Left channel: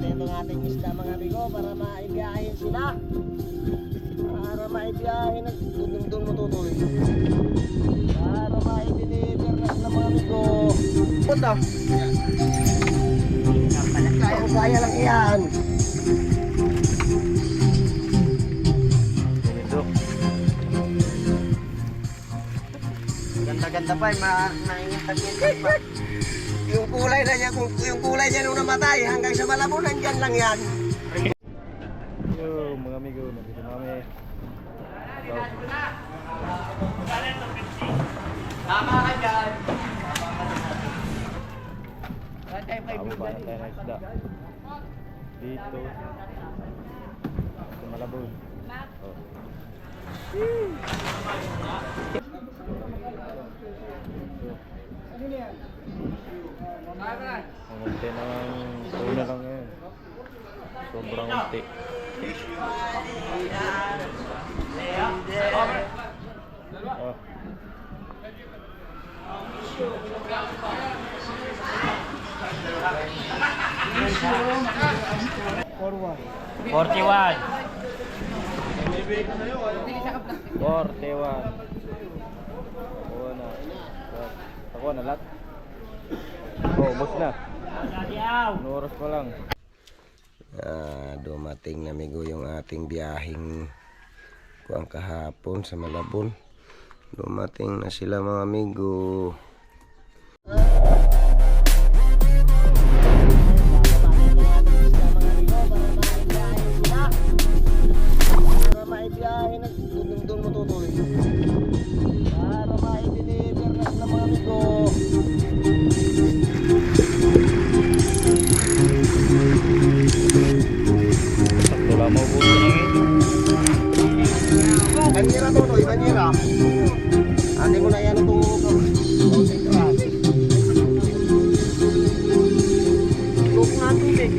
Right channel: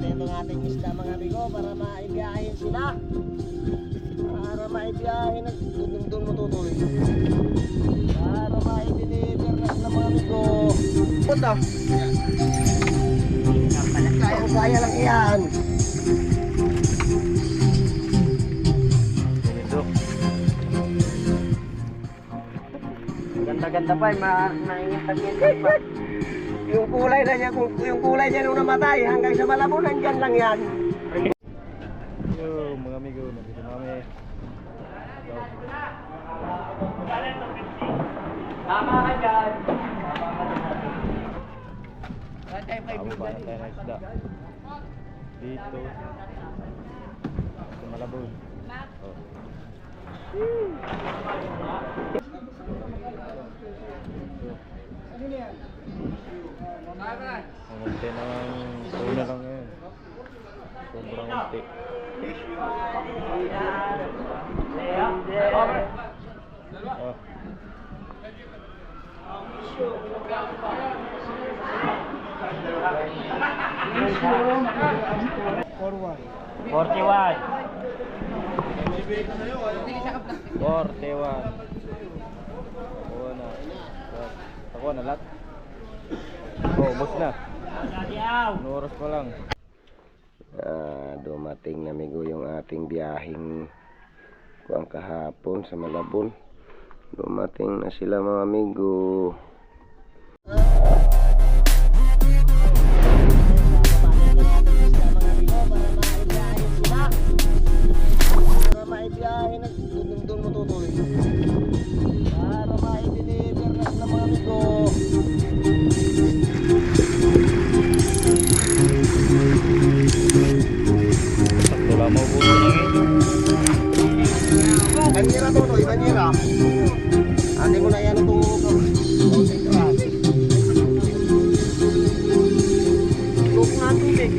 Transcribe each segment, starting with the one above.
natin itong ating isda mga amigo para maibiyahin sila. Para maibiyahin at dudong mo tutuloy. Para maideliver na sila mga amigo. Punta. Kaya lang iyan. Ganda-ganda pa, maingat-ingat pa. Yung kulay na niya, yung kulay niya nung namatay hanggang sa Malabon, nandyan lang yan. Yo, mga amigo, nandito na kami. Tama ka dyan. Tama ba tayo na isda? Dito. Sa Malabon. Oh. Ang unti ng tuna lang ngayon. Sobrang unti. Oh. Forward. 41. 41. Oo na. Ako na lahat. Oh, bus na. Ano oras pa lang? Dumating na amigo yung ating biyaheng kuang kahapon sa Malabon. Dumating na sila mga amigo. Para maibiyahin at dudong mo tutuloy. Para maideliver na sila mga amigo. Sakto lang mo buto niya ngayon. Banyera to, no? Banyera. Ate ko na yan itong Luk na tubig.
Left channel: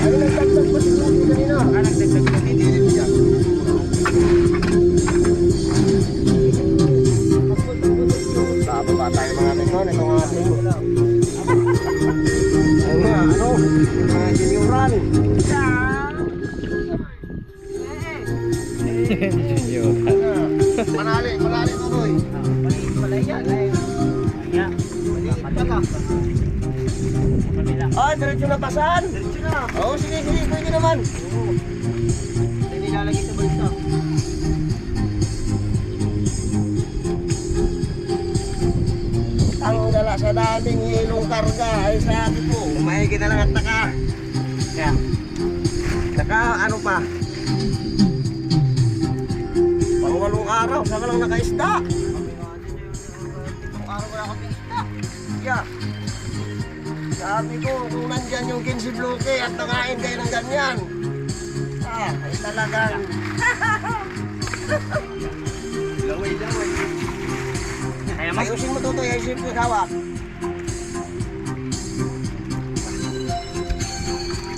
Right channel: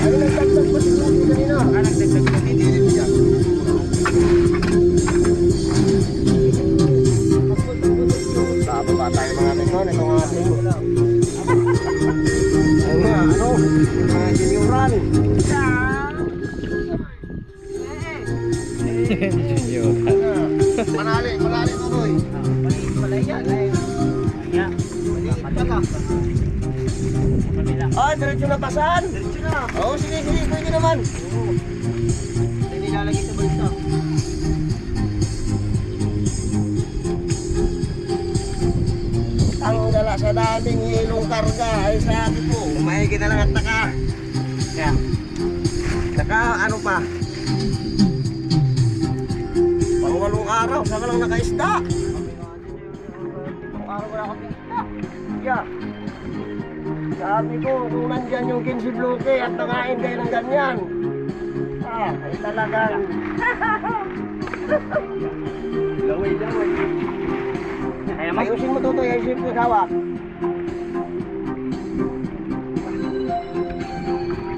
Ay, nagdagdag pa sila kanina. Nagdagdag pa hindi rin siya. Bababa tayo mga amigo, itong ating mga junioran. Junior. Manali to boy. Malay yan. Ah, diretso na pasan? Diretso na. Oo, sige, pwede naman. Hindi nilalagay sa balsa. Ang dala sa daming hilong karga ay sabi ko, mahigit na lang at naka. Kaya, ano pa? Pang-walong araw, saka lang nakaisda. Itong araw wala kami isda. Yeah. Sabi ko, kung nandyan yung 15 bloke at nakain kayo ng ganyan. Ay talagang. Laway. Ayusin mo tutoy, ayusin mo hawak.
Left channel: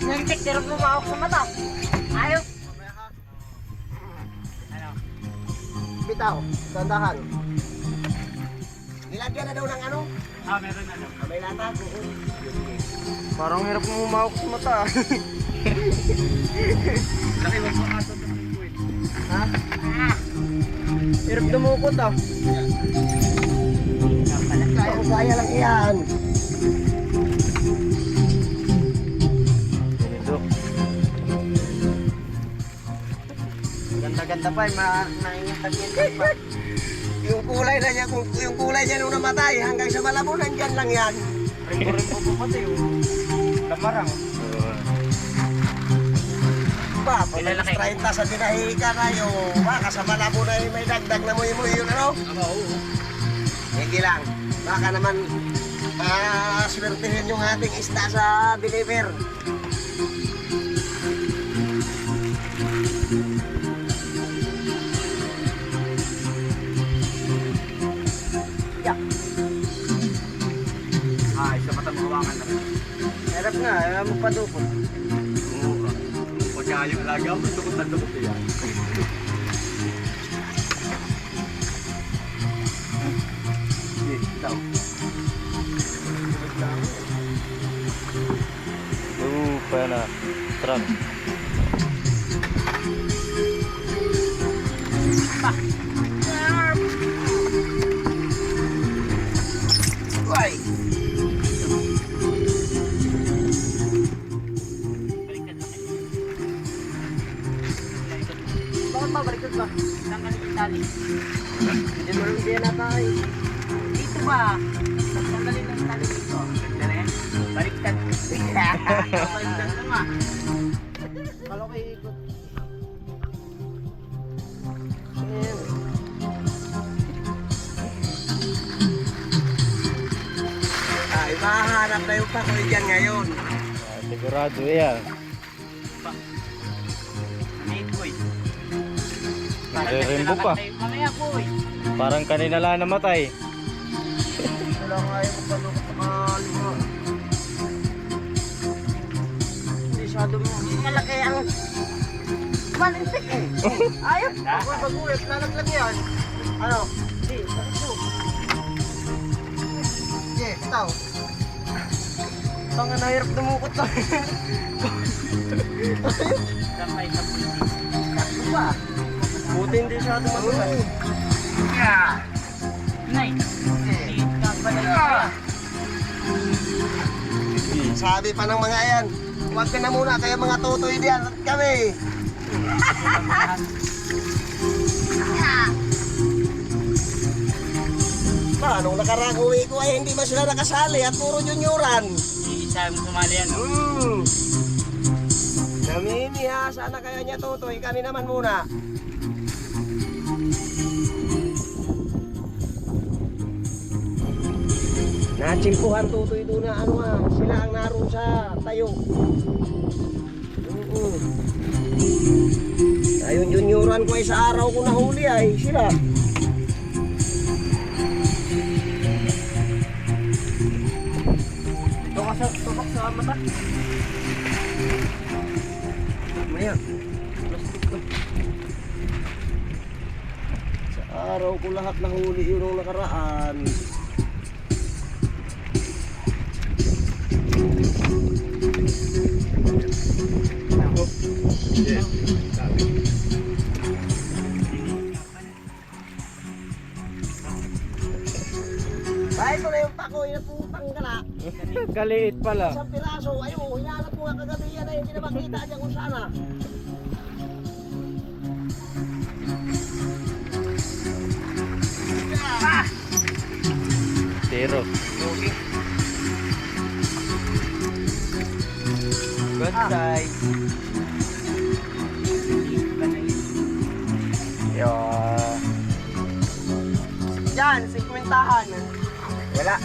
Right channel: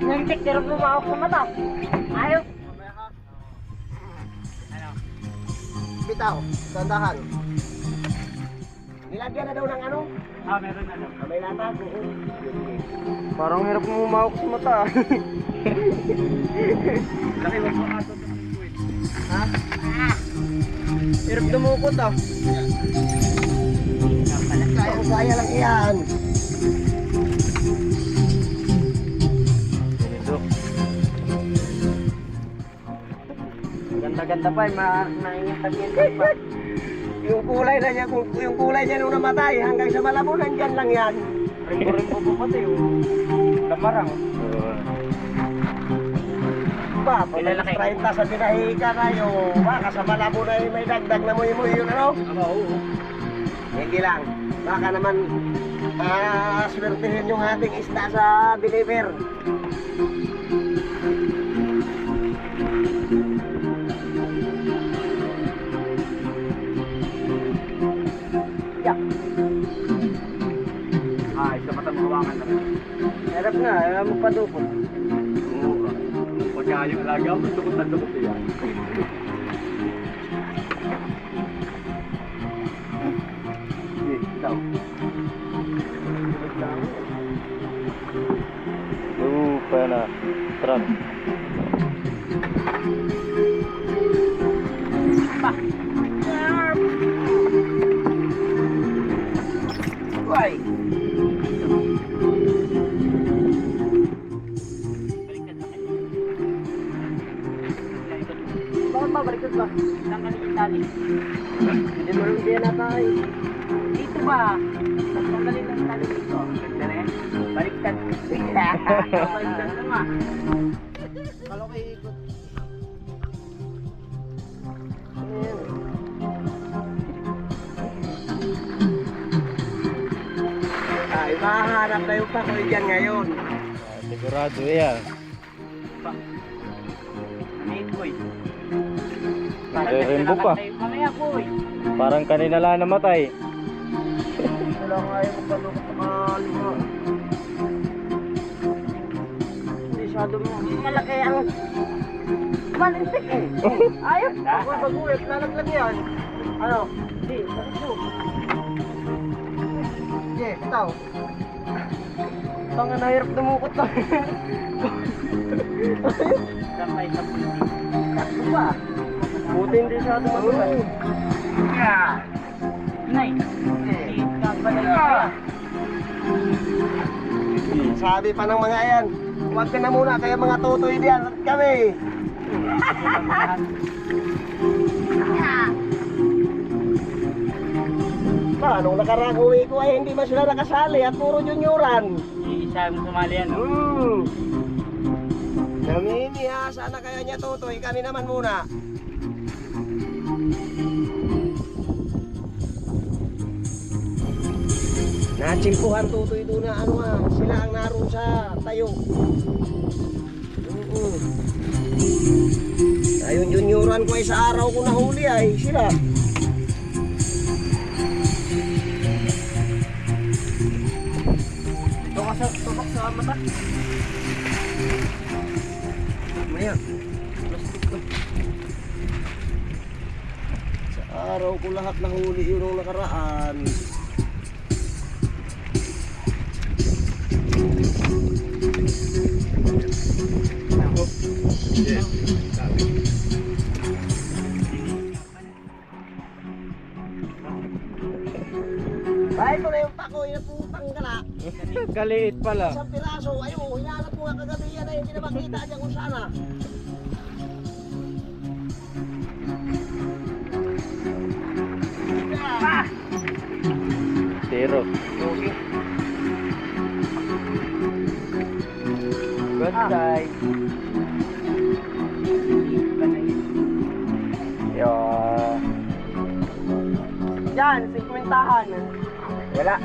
Nantik, dirap mo mawak sa mata. Ayaw. Bitaw, tandahan. Nilagyan na daw ng ano? Meron na. May latag. Parang hirap mo umawak sa mata. Laki mo po ato. Ha? Hirap dumukot ah. Kaya lang iyan. Ganito. Ganda-ganda pa, maingat-ingat pa. Yung kulay na niya, yung kulay niya nung namatay hanggang sa Malabon, nandyan lang yan. Rin po po pati yung lamarang. Ba, pag 30 sa tinahika na yung baka sa Malabon na may dagdag na muy yun ano? Oo. Hindi lang. Baka naman swertihin yung ating isda sa deliver. Yeah. Isa pa tayong hawakan na rin. Harap nga, magpadukot. Oo. Pagka yung lagaw, dukot na dukot yan. daw. Lupa na. Truck. Uy! Bakit ba? Baliktad ba? Tanggalin yung tali. Hindi mo lang din natay. Dito ba? Tanggalin yung tali dito. Ganda na yan. Baliktad. Baliktad na nga. Kalo kayo ikot. Ay, mahanap na yung pakoy dyan ngayon. Sigurado yan. Hey, boy. Nagre-rainbow pa. Mamaya, boy. Parang kanina lang namatay. Ito lang ayaw ko palukot sa kalima. Masyado mo. Malaki ang malintik eh. Ayos. Ako bagulit. Lalaglag yan. Ano? Hindi. Bakit mo? Sige, bitaw. Tanga nahirap dumukot na. Kamay sa puti. Takbo ba? Buti hindi siya dumagulay. Nay. Liit ka pala yun. Sabi pa ng mga yan, huwag ka na muna kaya mga tutoy diyan at kami. Nung nakarang uwi ko ay hindi ba sila nakasali at puro junioran. Isa mo sumali yan. Namimiha, sana kaya niya tutoy, kami naman muna. Natsimpuhan tutoy doon na ano sila ang naroon sa tayo. Ayun junioran ko ay sa araw ko nahuli ay sila. Tubak sa mata. Maya. Sa araw ko lahat nahuli yun nung nakaraan. Bahay ko na yung pakoy na putang gala. Kaliit pala. Isang piraso, ayun, hinanap ko nga kagabi yan ay hindi na makita dyan kung saan ah. Zero. Okay. Good size. Yeah. Yan, 50-han. Wala.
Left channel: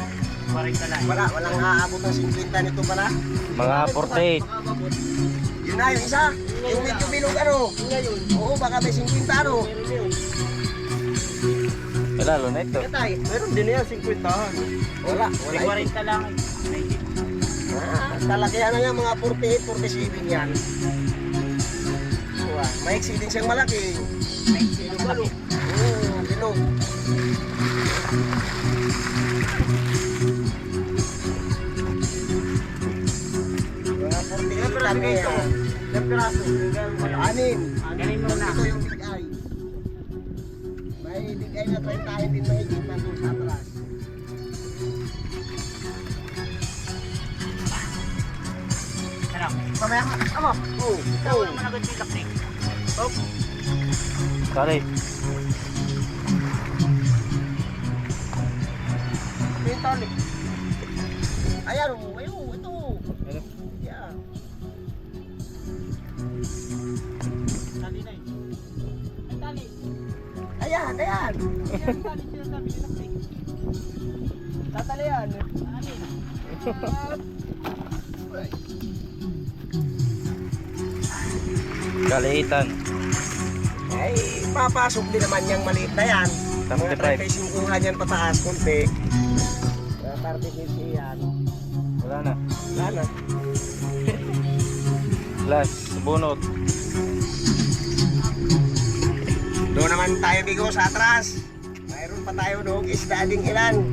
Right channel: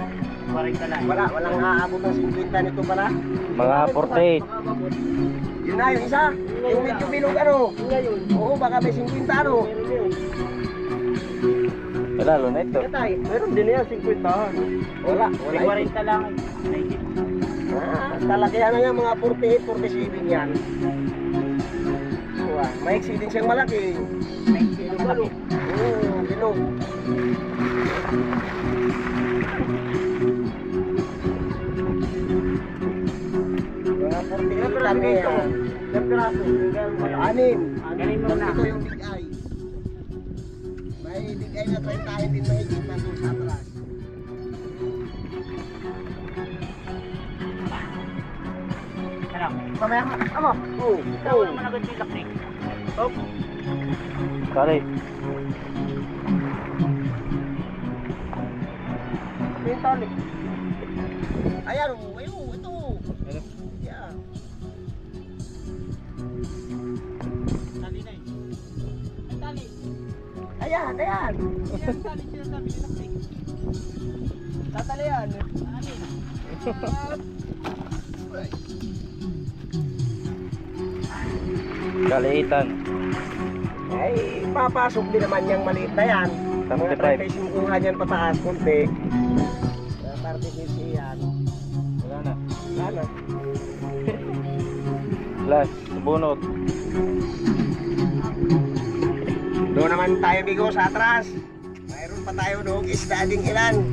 Walang aabot ng 50 nito pala. Mga 48. Yun na, yung isa. Yung medyo bilog ano. Oo, baka may 50 ano. Wala, luna ito. Katay, meron din yan, 50-han. Wala. May 40 lang. Kalakihan na yan, mga 48, 47 yan. Maiksi din siyang malaki. Malaki. Oo, bilog. Mga 48 kami yan. Anin. Galing mo na. Ito yung big eye. May big eye na 30 din mahigit na doon sa atras. Ano? Mamaya ka. Amo. Oo. Ikaw naman agad yung laktik. Oh. Kali. Yung tali. Ayan o. Ayun. Ito. Ano? Yeah. Tali na yun. Ang tali. Ayan. Ayan. Ang tali siya sabi ni laktik. Tatali yan. Tali na. Kaliitan. Ay, papasok din naman yung maliit na yan. Mga 75. 35 nga dyan pataas, kunti. 35 yan. Wala na. Wala na. Last, bunot. Doon naman tayo bigo sa atras. Mayroon pa tayo doon isda ding ilan.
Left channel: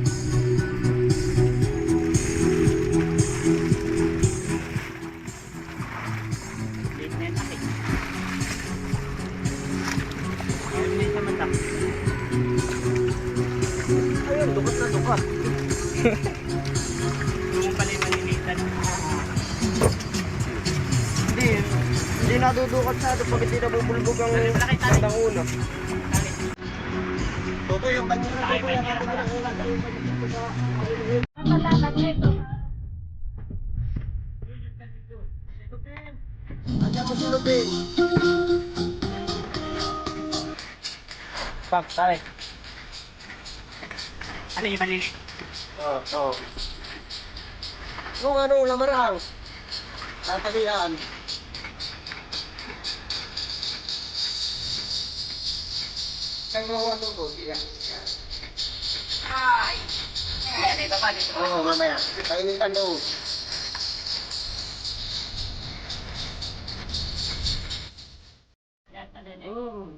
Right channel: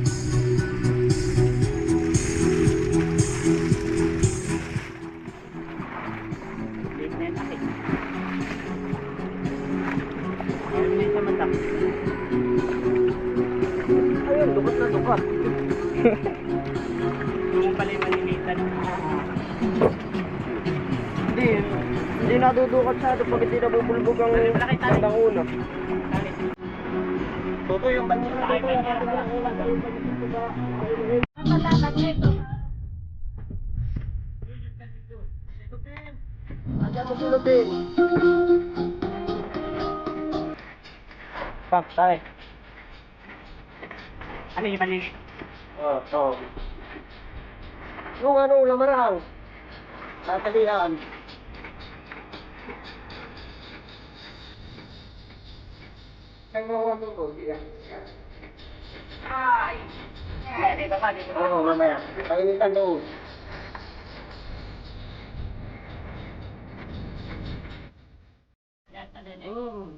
Yung pala yung malinitan. Hindi nadudukot sa ito pag hindi nabubulbog ang bandang ulo. Toto yung kanya na ito kaya natin kailangan tayo pag-isip sa pag-isip. Ano mo silupin? Pak, tayo. Ano yung malinitan? Oo. Yung ano, lamarang. Tatalihan. Kaya mo ano ko, iya. Ay! Dito ka, dito ka. Oo, mamaya. Painitan doon. Yan, ano yun?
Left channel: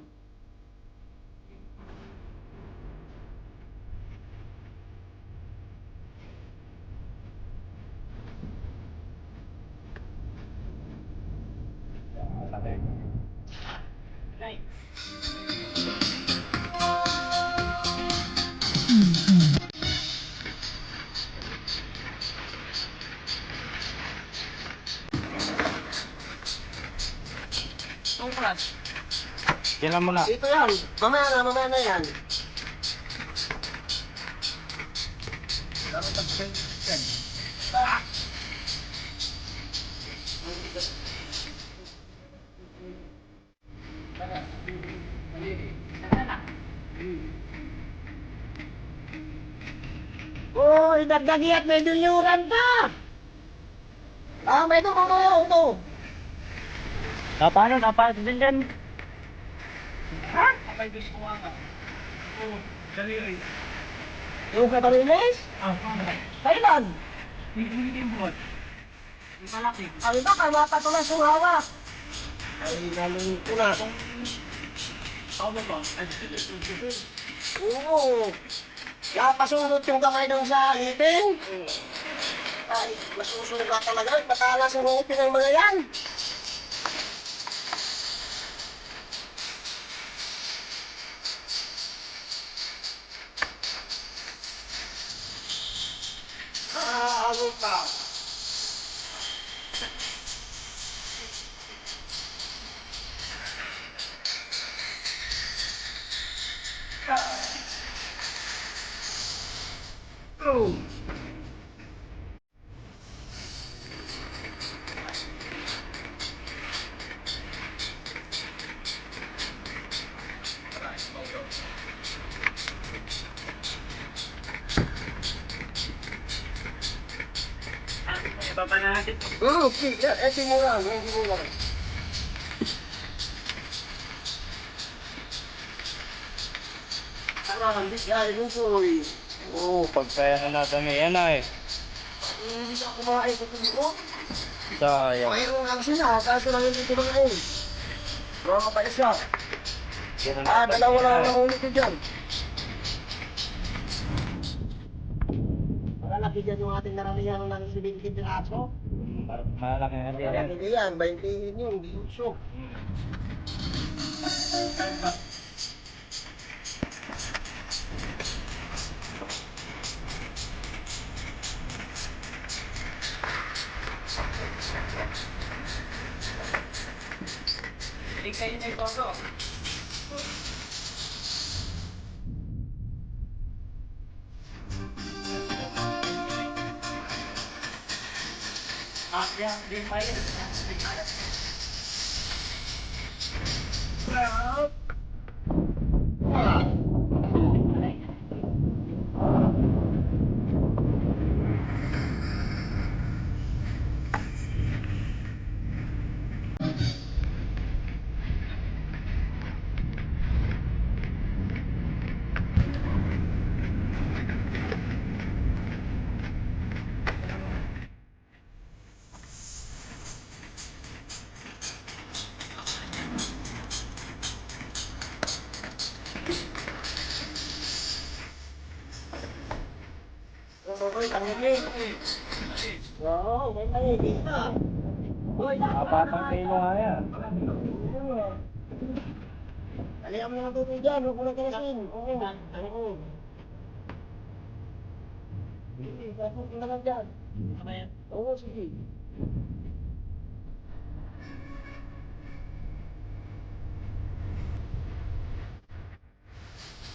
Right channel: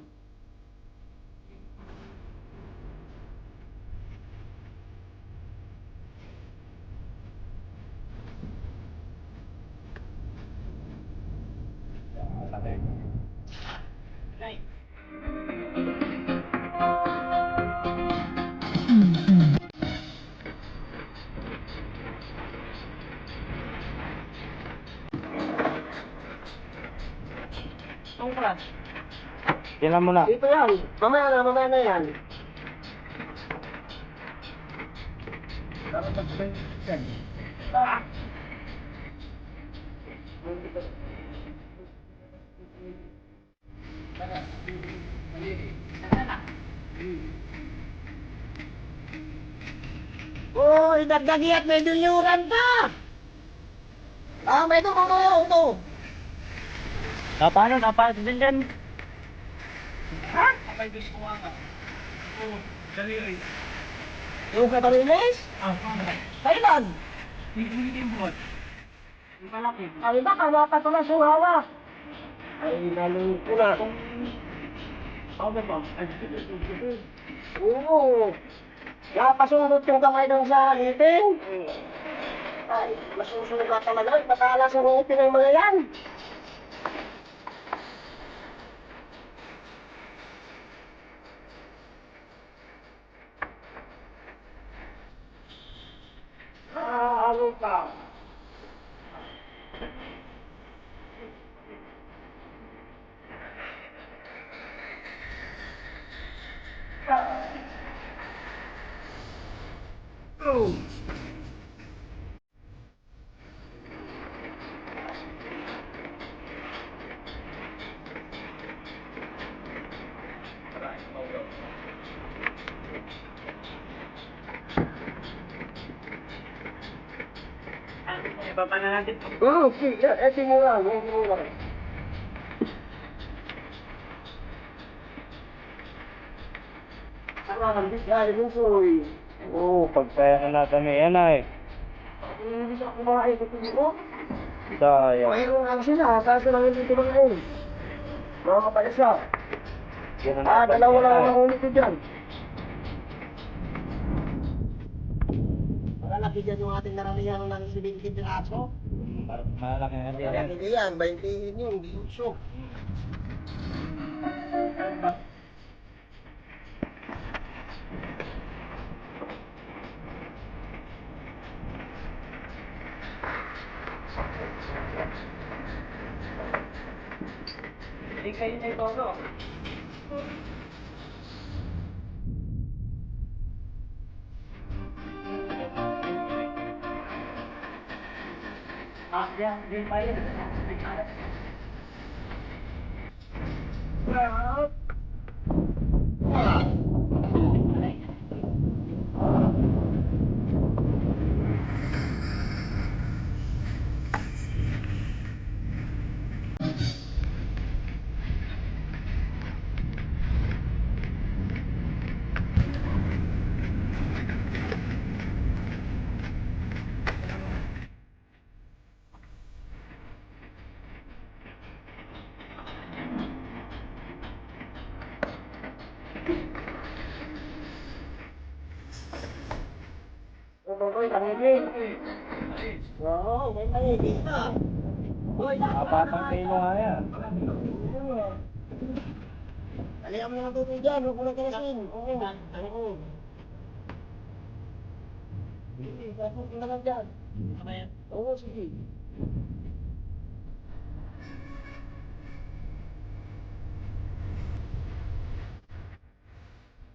Right. Tungkol. Yan lang muna. Ito yan. Mamaya na yan. Uy, dagdagi at may dunyuran pa! May tumulong to. Paano? Din dyan. Ha? May gusto ko nga. Oo, dali. Yung katalinis? Paano? Kailan? Hindi yung buhat. Yung malaki. Ang iba, kamata ko lang suhawa. Ay, galing ko na. Ako ba? Oo. Kaya pasurot yung kamay doon sa ngipin. Ay, masusugat talaga. Matalas yung ngipin ng mga yan. Ano ka? Oh. Baba na natin. Oh, ito mura. Ito mura. Yan, lusoy. Pagpera natin ngayon ay. Hindi siya kumain ko dito. Sayang. Mayroon lang sila, kaso lang hindi kumain. Mga kapayas siya. Dalawa lang ang nahuli ko dyan. Malaki dyan yung ating naramihan ng 70 piraso. Malaki na din yan. Hindi yan, 20 yun, di usok. Hindi kayo niya ito. Yan, din tayo. Oo, may mahigit na. Apatang kilo nga yan. Alihan mo na tubig dyan, huwag mo na kalasin. Oo. Hindi, pasok na naman dyan. Oo, sige.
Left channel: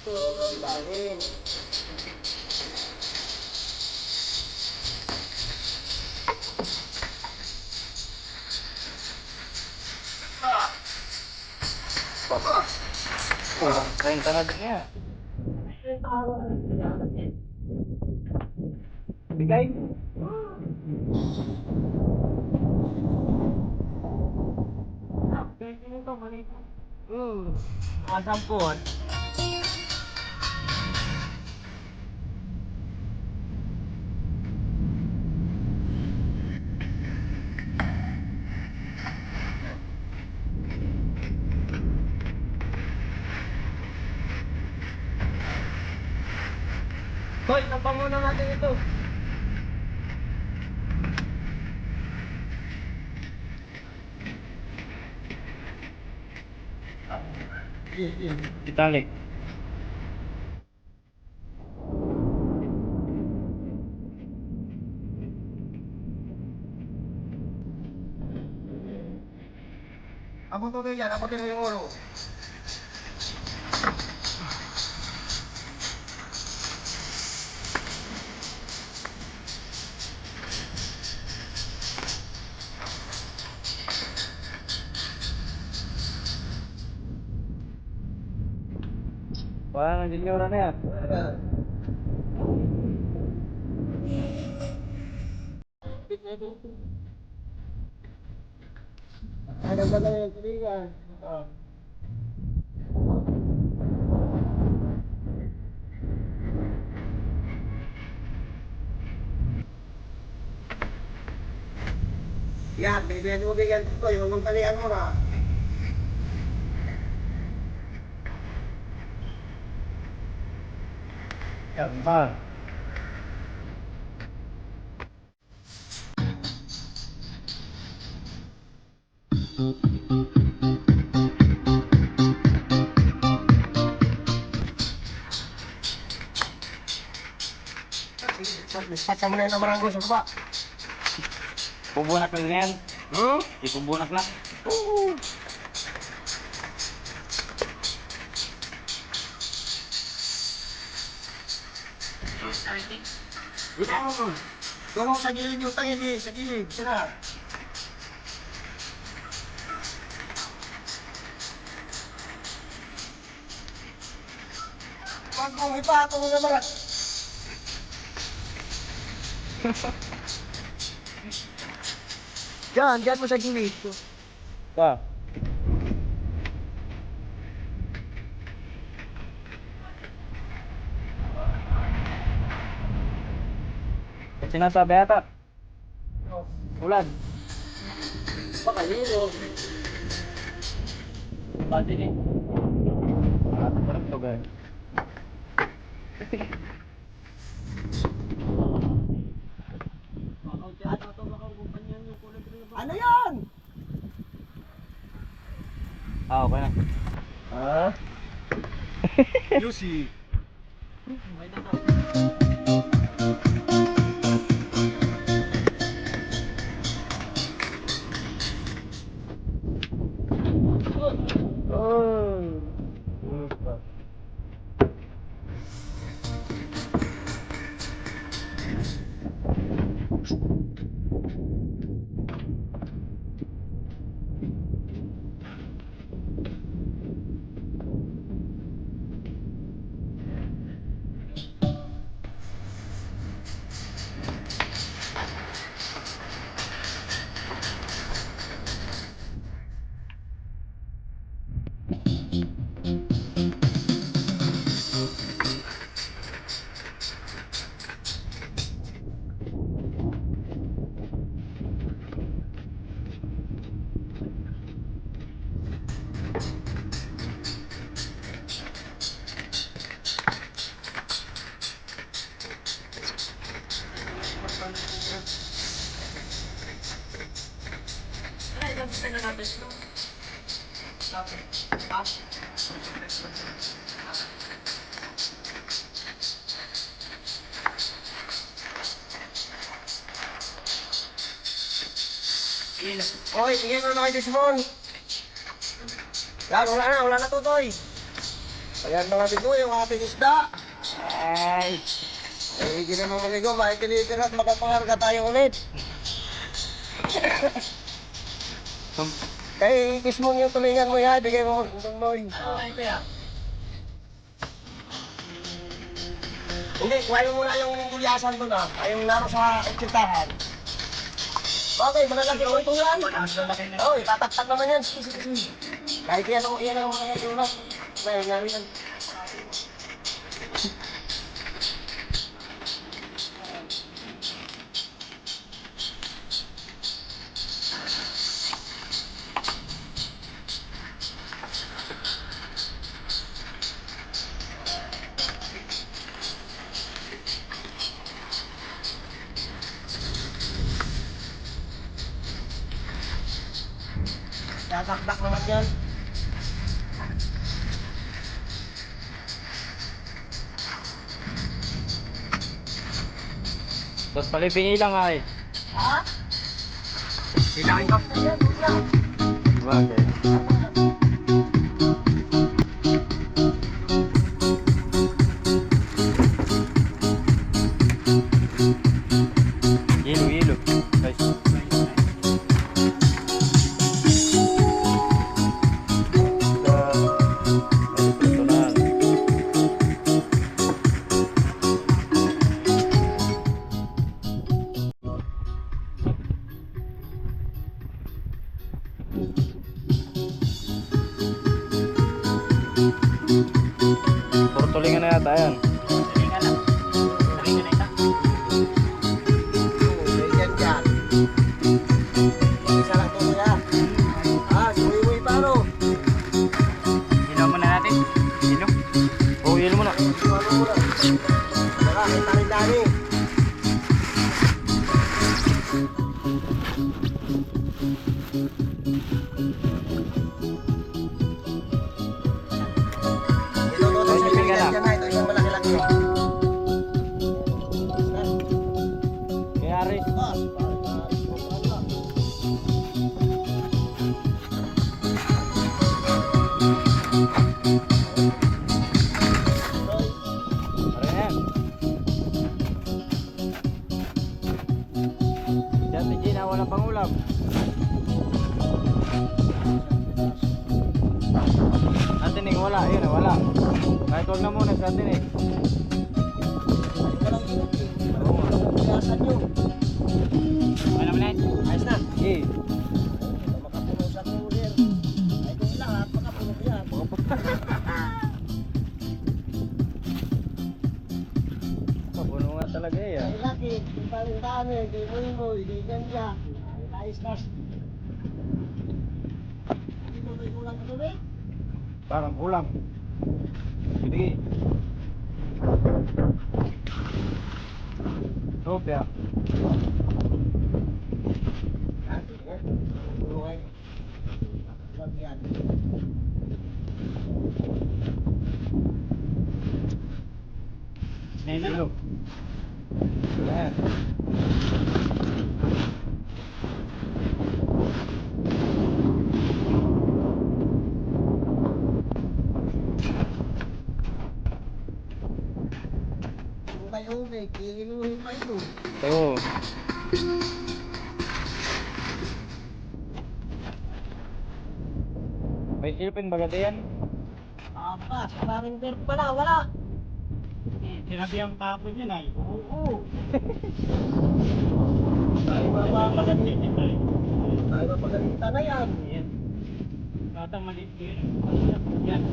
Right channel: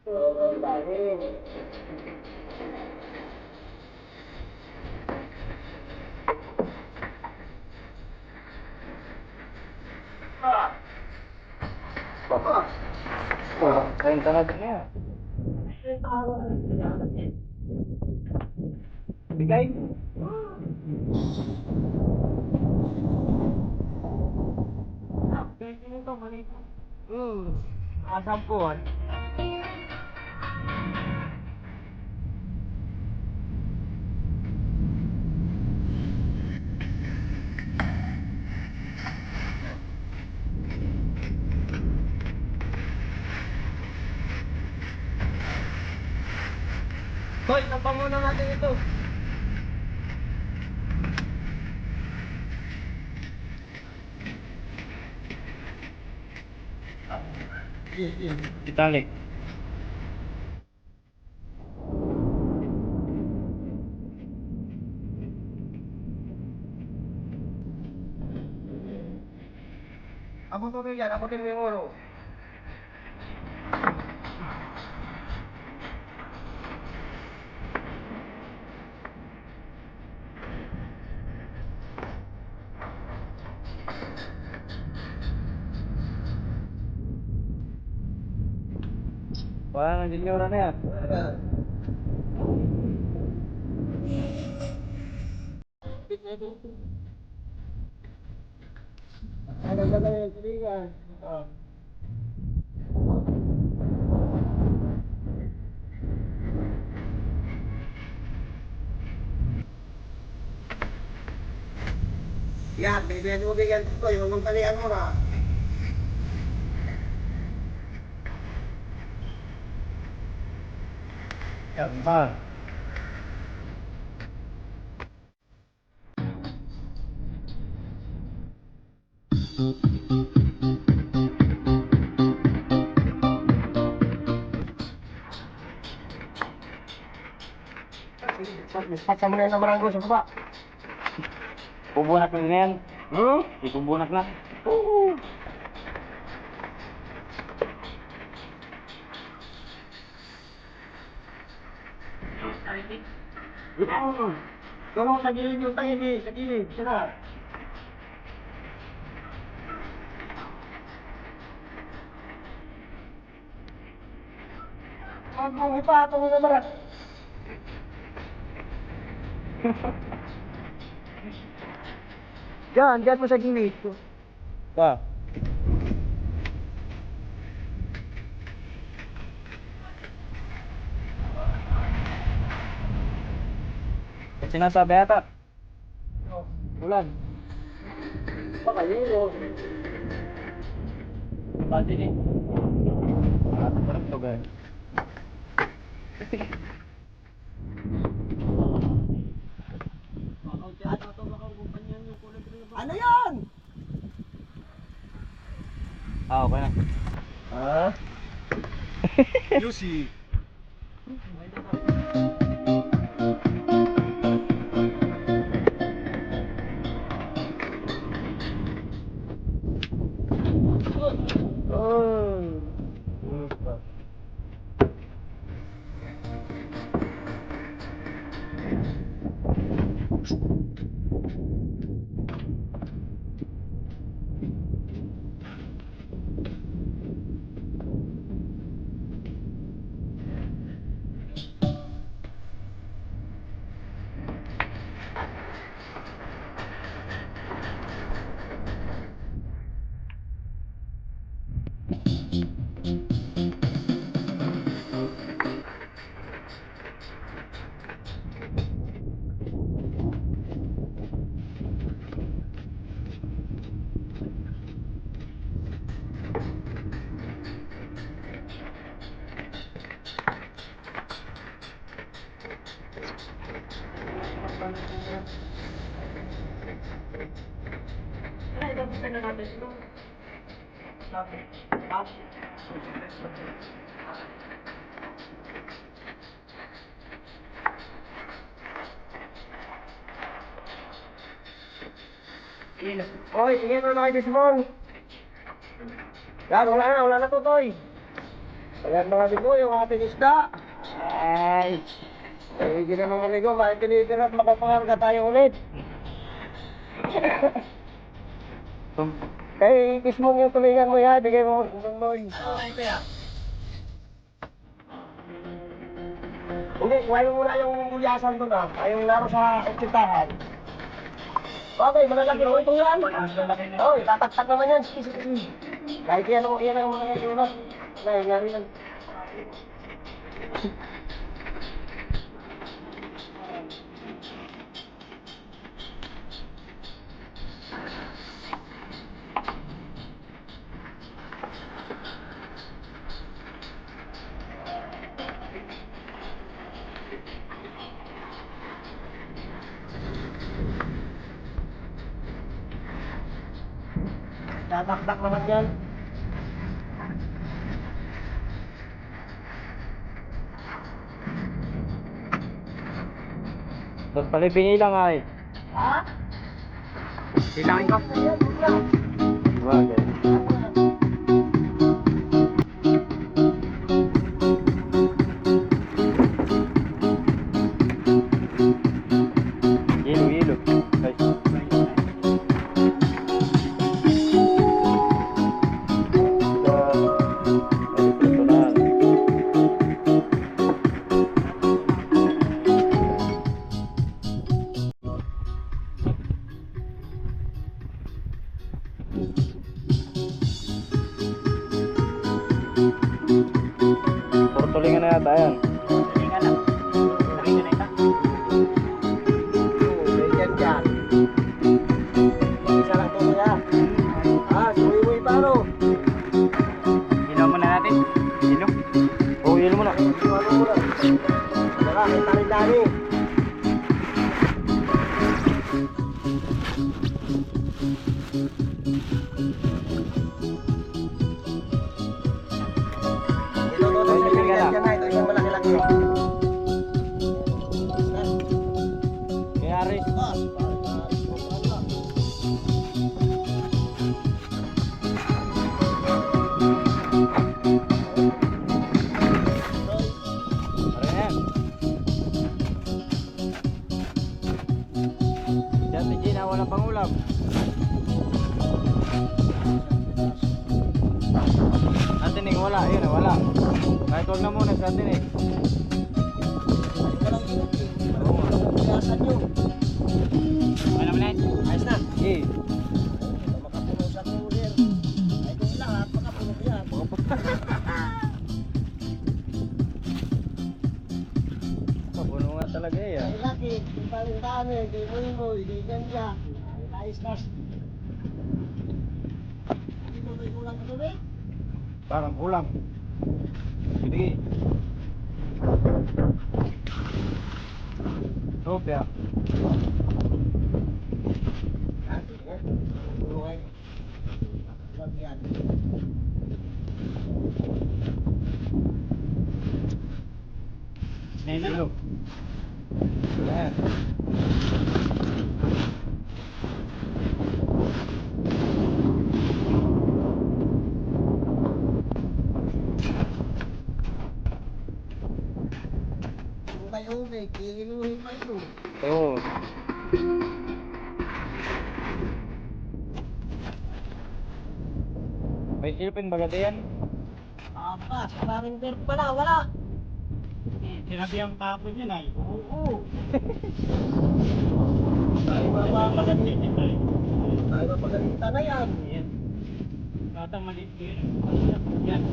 Oo, dahil. Kain ka na niya. Bigay. Asampun. Hoy, tampang muna natin ito. Itali. Ako tuloy yan, ako tuloy yung ulo. Wala nang junior na yan. Ano ba na yung tulingan? Yan, bibigyan mo bigyan ito, yung magpalian mo na. Yan pa. Sasama na yung namaranggo sa baba. Pubunak na yan. Hmm? Ipubunak na. Oo. Oo. Tulong sa gilid yung tangin eh, sa gilid, sila. Pag kung ipatong na marat. Diyan mo sa gilid. Pa. Sinasabi ata. Ulan. Baka yun o. Pati ni. Parang to guys. Ano yan? Ah, okay na. Ha? Lucy. Okay, tingnan mo na kay Desmond. Yan, wala na tutoy. Ayan mga amigo, yung ating isda. Ay, hindi naman mga amigo, makikilitin at makapangarga tayo ulit. Kay Desmond yung tulingan mo yan, bigay mo Boy. Hindi, kuhain mo muna yung gulyasan doon ah. Ay, yung laro sa oksitahan. Okay, malalaki ko ito yan. Oo, itataktak naman yan. Kahit yan ang mga iulak. Nangyayari yan. Tataktak naman yan. Tapos palipingi lang ay. Ha? Hilangin ko. Ayan, ayan. Bakit? Hilo. Guys. Tulingan na yata yan. Talingan lang. Talingan na ito. Ganyan dyan. Isa lang ito nila. Suwi-uwi pa ano? Hilaw muna natin. Hilo. Oh, hilo mo na. Ano muna? Tara, may tarin-tari. Ito, sa ibigay dyan na. Ito, yung malaki-laki. Kaya Aris. Tara yan. Si Ate Gina, walang pangulam. Ate Ning, wala. Ayun, wala. Kahit huwag na muna sa Ate Ning. Walang init eh. Pilasan nyo. Ano naman yan? Ayos na. Eh, Makapuno sa cooler. Ay, kung lahat, makapuno yan. mapuno nga talaga eh. Ay, laki. Yung paling di mo, di ganda. Ayos na. Dito may kulang na tubig. Parang kulang. Sige. Sopya. Buhay. Wag yan. Hilo. Yan. Kung kayo may kiluhin pa ito. Oo. May ilpin bagay yan? Apa, maraming beer pala, wala. Sinabi ang kapon yun ay. Oo. Tayo mapagalitan na yan. Batang maliit yun. Yan.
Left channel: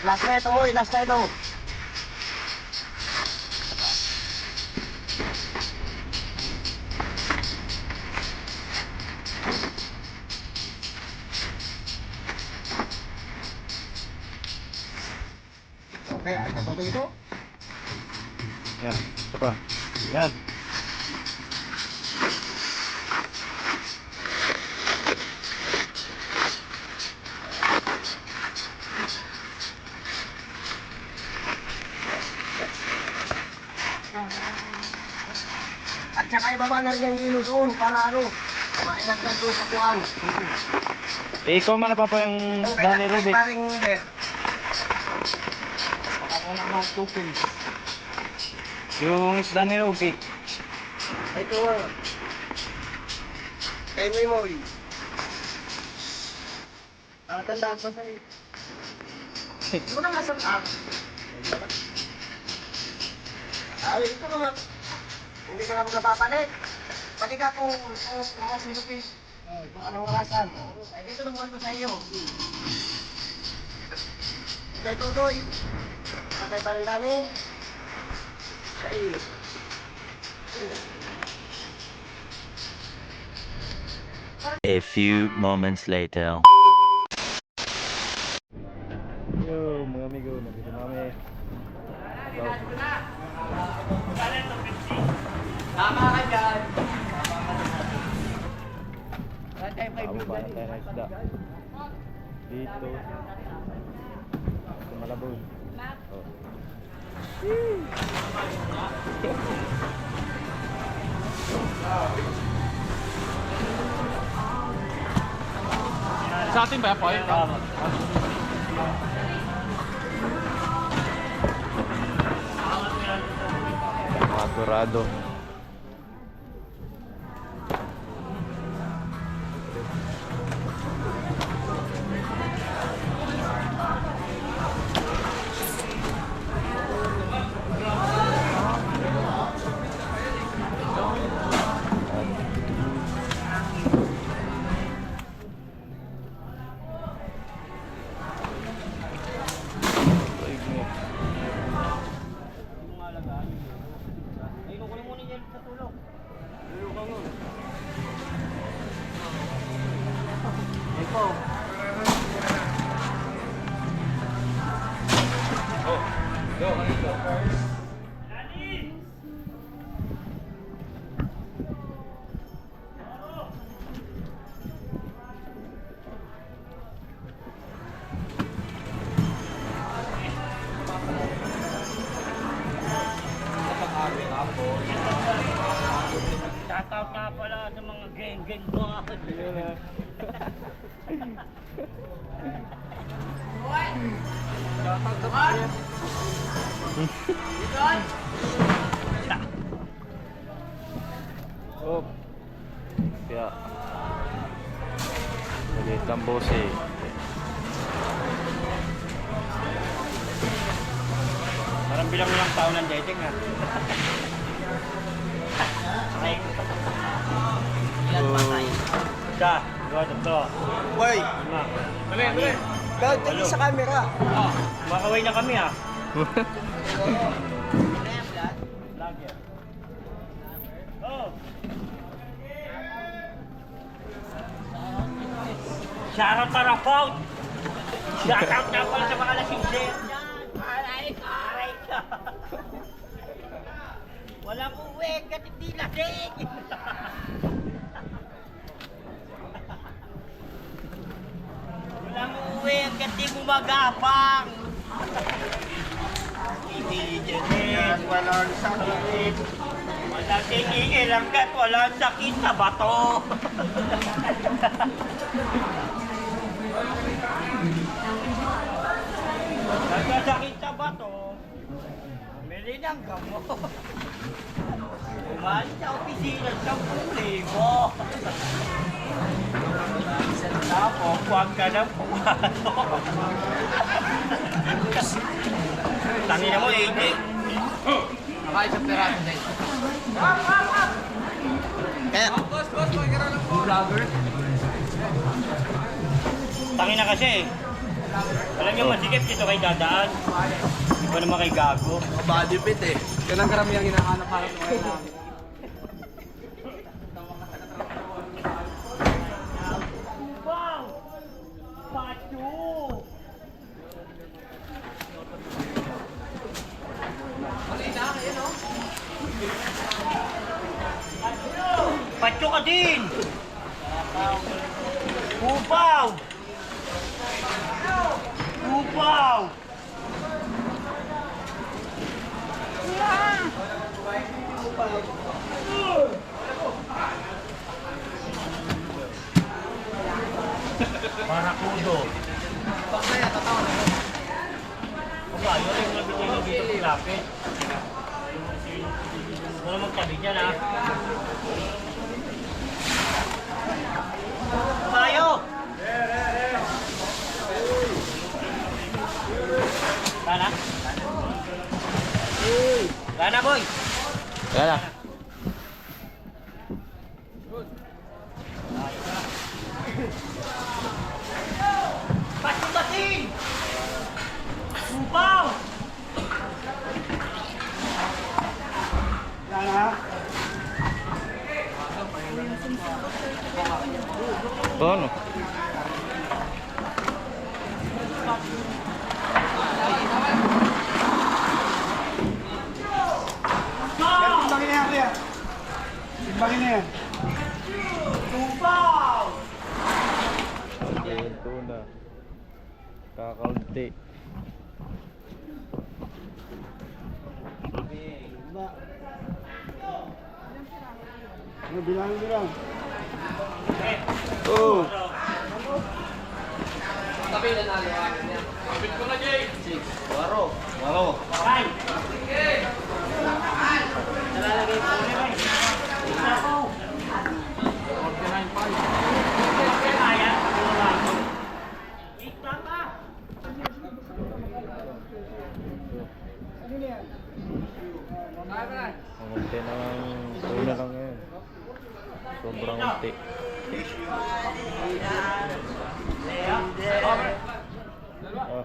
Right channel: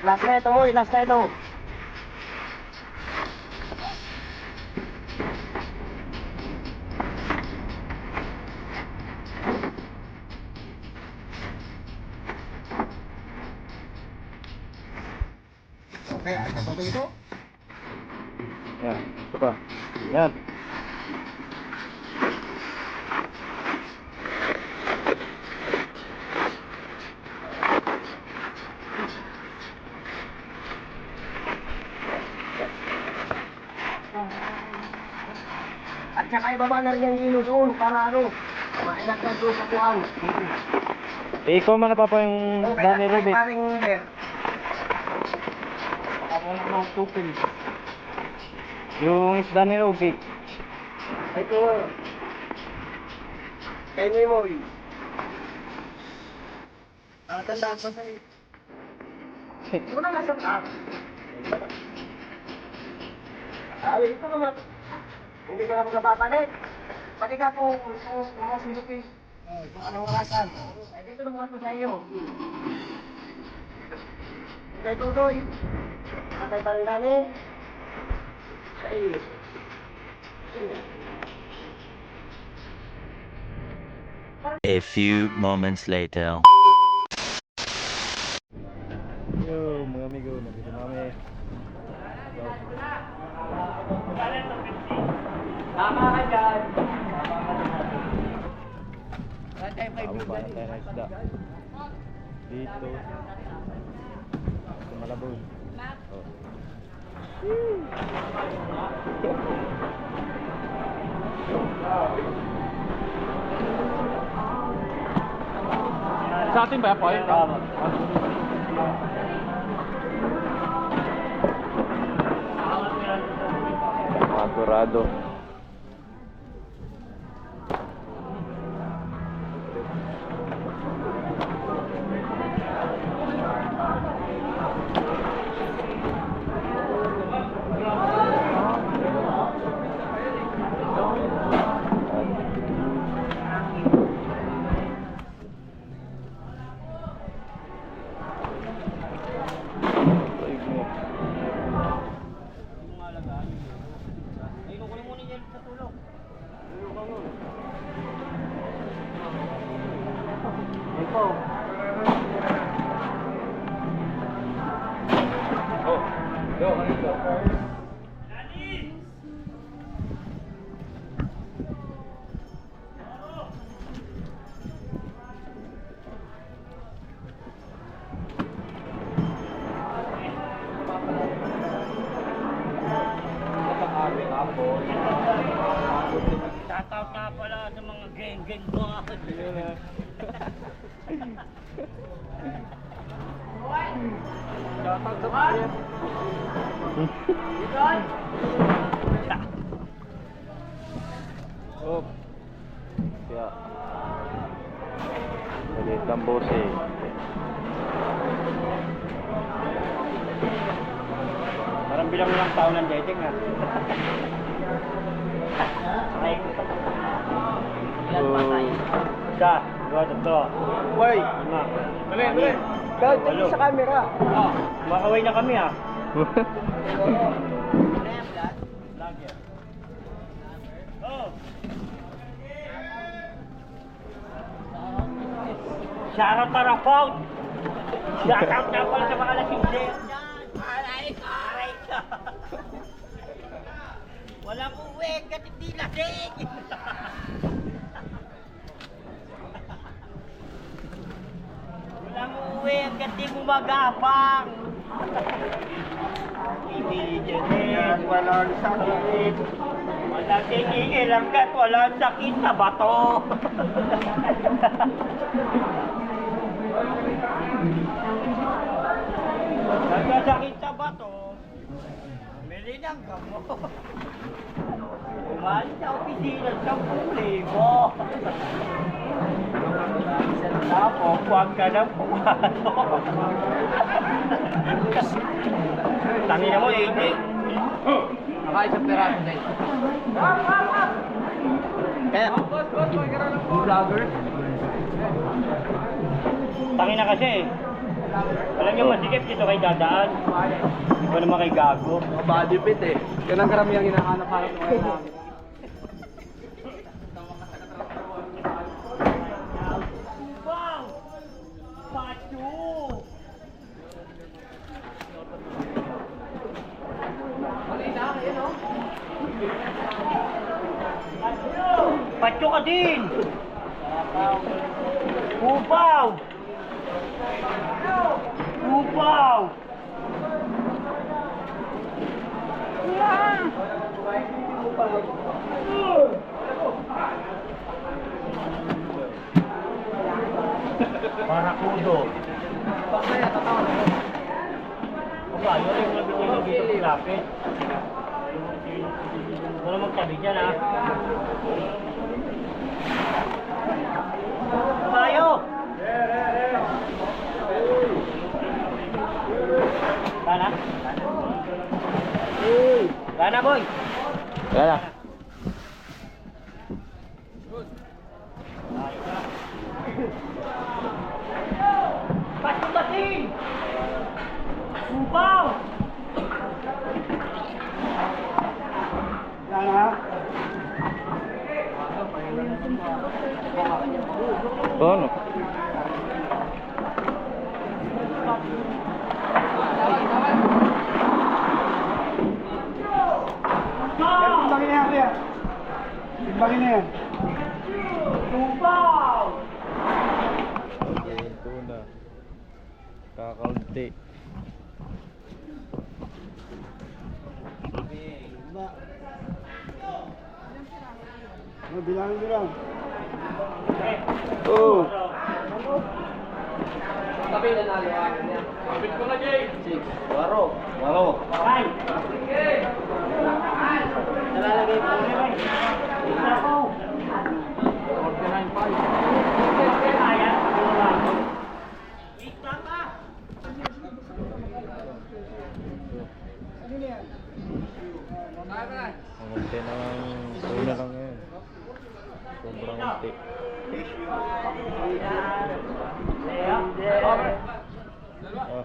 Last na ito mo, last na ito. Okay, ito ito. Yan. Ito pa. Yan. ibaba na rin yung hilo doon para ano, mainagdag doon sa kuhan. Eh, ikaw man pa yung Danny Rubik. Paring net. Baka mo na mga tukol. Yung Danny Rubik. Ito nga. Kay Memoy. Tandaan pa sa'yo. Ito na nga sa app. Ay, ito naman. Hindi ka na magpapalit. Pati ka kung mga Philippines. Kung anong orasan. Ay, dito naman ko sa iyo. Kay Tutoy. Patay pa rin namin. Sa iyo. A few moments later. Yo, mga amigo, nandito na kami. Tama ka dyan. Tawag pa na tayo ng isda. Dito. Sa Malabon. Oh. Sa atin ba po? Madurado. Shoutout nga pala sa mga geng-geng ko. Yun na. Shoutout sa mga. Oh. Kaya. Maliit ang bose. Parang bilang lang taon ng dating ha. Ilan pa tayo? Isa, dua, tatlo, Boy, lima. dali. Dahil tingin sa camera. Oh, makaway na kami ha. Vlog yan. Oh. Shoutout para Paul. Shoutout na pala sa mga lasingse. Aray ka. Walang uwi kasi hindi lasing. Walang uwi kasi gumagapang. Ibigyan Walang sakit. walang tingin hanggat walang sakit sa bato. Nagkasakit sa bato, bumili ng gamot. Umali sa opisina sa 10,000. Tapos, huwag ka ng pumato. Tangina mo, AJ. Nakain sa peraso din. Kaya, Vlogger? Tangina kasi eh. Alam niyo, masikip dito kay dadaan. Hindi pa naman kay gago. Body fit eh. Yan ang karamihang hinahanap-hanap ng ngayon namin. Wow! Pacho! Pacho ka din! Upaw! Upaw! Barakudo. Aba, yun yung nabigay mo dito sa lapit. Wala magtabi dyan, ha? Kabayo! Kana? Kana, boy! Wala na. Batin! Subaw! Paano? Subaw! Ito na. Kakaunti. Oh! Ay! Nalalagay ko rin, ay. Ako! 49.5. Kaya? Wait lang ka! Ang unti ng tuna lang yan. Sobrang unti. Oh.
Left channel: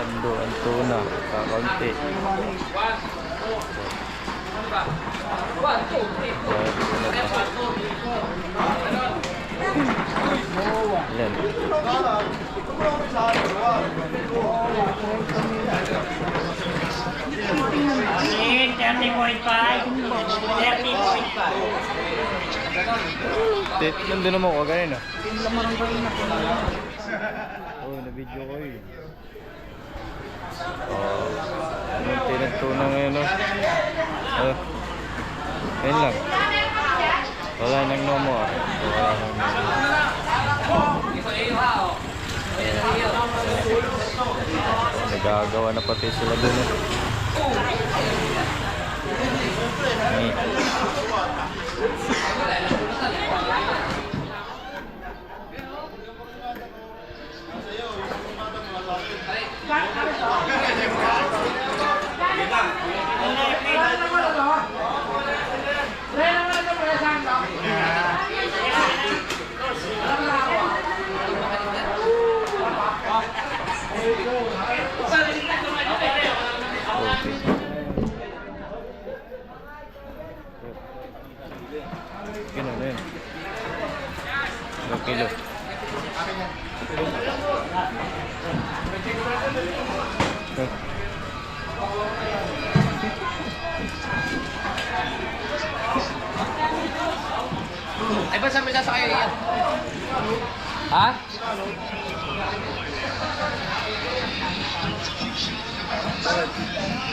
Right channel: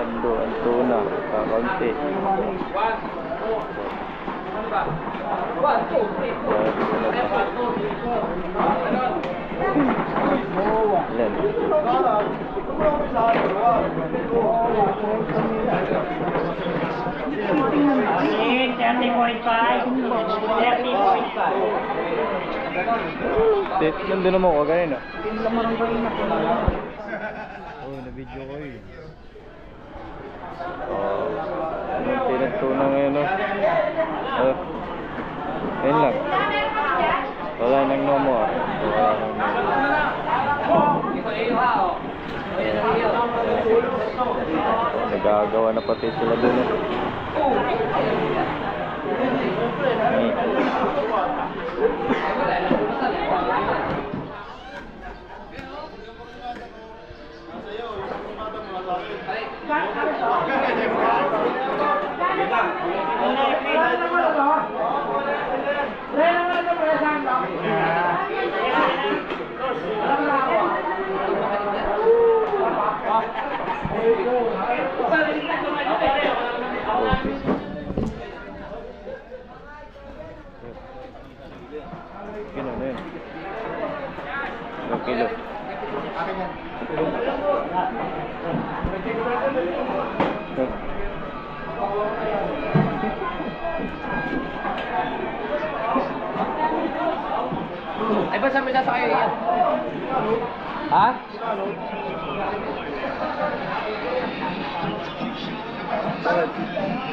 Tando ang tuna. Kakaunti. Ilan? Asin, 30.5. 30.5. Nandun naman ko ganyan ah. Oh, na-video ko eh. Anong tinagtuna ngayon oh. Ayun lang. Wala nang nomo ah. Wala nang nagagawa na pati sila dun eh. Kilo na yun. 2 kilo. Ay, ba sabi na sa kayo yan? Ha?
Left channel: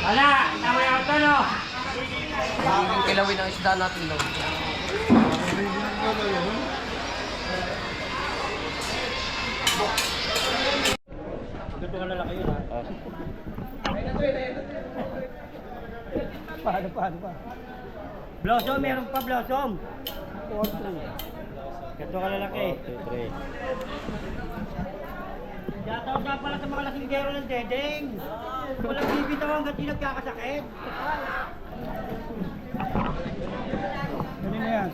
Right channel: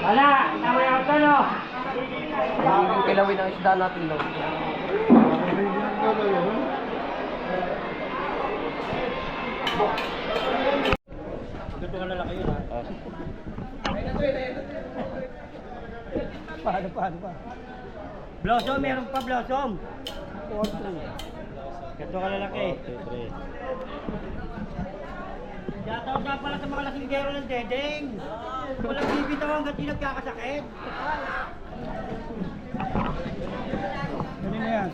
Wala! Tama yung ito, no? Ang kilawin ang isda natin, no? Ito ka lalaki yun, ha? Ah. Paano pa? Blossom, meron pa blossom. Ito ka lalaki. 43. Yataw na pala sa mga lasinggero ng Dedeng. Walang bibitaw hanggat di nagkakasakit. Kanina yan?